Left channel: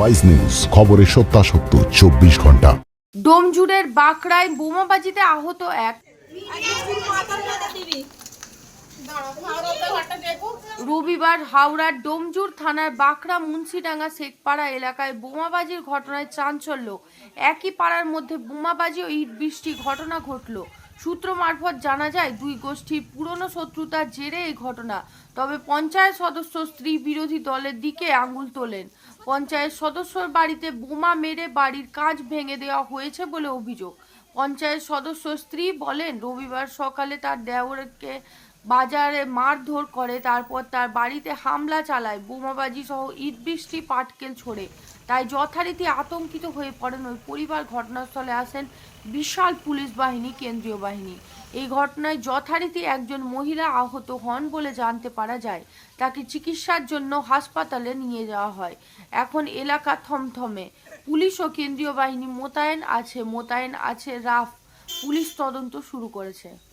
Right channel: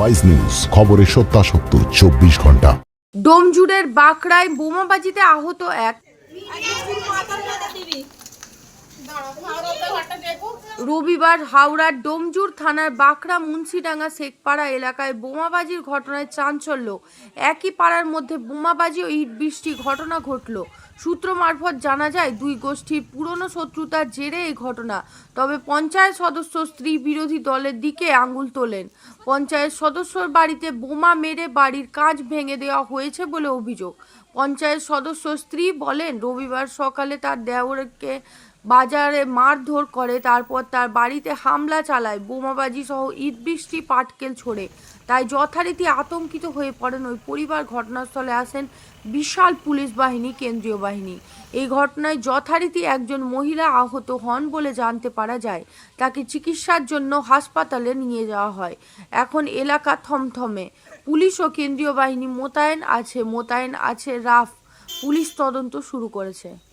Wise news খবরের সত্যাসত্য, চব্বিশ ঘণ্টা। ডোমজুড়ের বাঁকড়ায় বোমাবাজিতে আহত এক। রবিবার হাওড়ার ডোমজুর থানার বাঁকড়া মুন্সিডাঙ্গা শেখপাড়া এলাকায় বোমাবাজির ঘটনায় চাঞ্চল্য। একই পাড়ার মধ্যে বোমাবাজি ও ইট বৃষ্টি ঘটনা ঘটল। সূত্র মারফত জানা যায়, দুই গোষ্ঠীর পুরনো শত্রুতার জেরে এই ঘটনা, তবে পঞ্চায়েত সদস্য স্ত্রী বিরোধী দলের দিকে আঙুল তোলেন। পঞ্চায়েত সদস্যর বাড়িতে বোমা মেরে বাড়ির কাঁচ ভেঙে দেওয়া হয়েছে বলে অভিযোগ। পঞ্চায়েত সদস্য স্ত্রী বলেন, রবিবার সকালে তার দেওরকে বাজারে মারধর করে, তারপর তার বাড়িতে হামলা চালায়, বোমাবাজি সহ ইট বৃষ্টি, পাটকেল ছোড়ে। তাই যথারীতি আতঙ্কিত হয়ে পড়েন ওই পরিবার। ঘটনাস্থলে আসেন বিশাল পুলিশ বাহিনী, কেন্দ্রীয় বাহিনী। এই ঘটনায় যথারীতি একজন মহিলা আহত হন বলে জানতে পারা যায়। তাকে চিকিৎসার জন্য হাসপাতালে নিয়ে যাওয়া হয়। এখন এলাকা থমথমে। পুলিশ ও কেন্দ্রীয় বাহিনী মোতায়েন আছে মোতায়েন আছে রাফ। পুলিশ তদন্ত শুরু করেছে।